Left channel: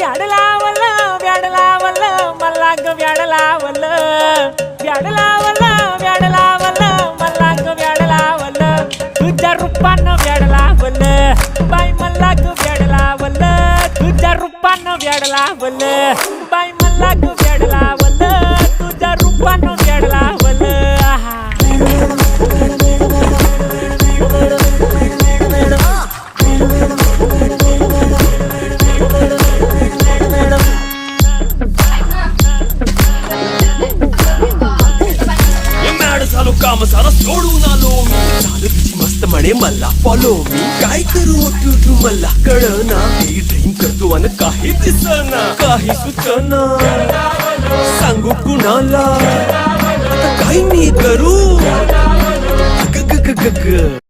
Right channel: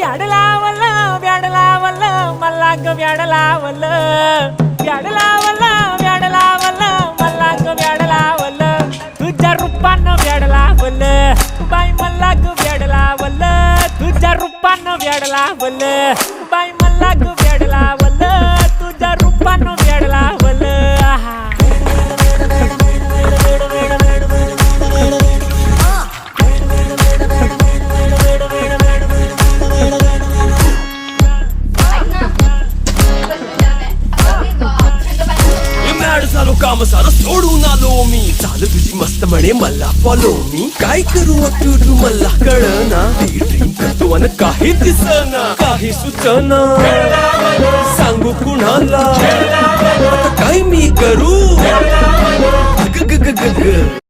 व्याड लावलं व्याड लावलं मला ग व्याड लावलं व्याड लावलं व्याड लावलं मला ग व्याड लावलं तुझ्या रूपानं व्याड लावलं बाई मला ग व्याड लावलं तुझ्या रूपानं व्याड लावलं बाई मला ग व्याड लावलं तुझ्या रूपानं व्याड लावलं झालो काम सारा सोडून आलो मी चालू तुझी मस्त म्हणे मला फॉलो मी काय करू तू मला कळना ती ड्रीम करतो आणि काही दिसना काही सुचना सांगू कुणाला आता काय मी करू ग ग ग ग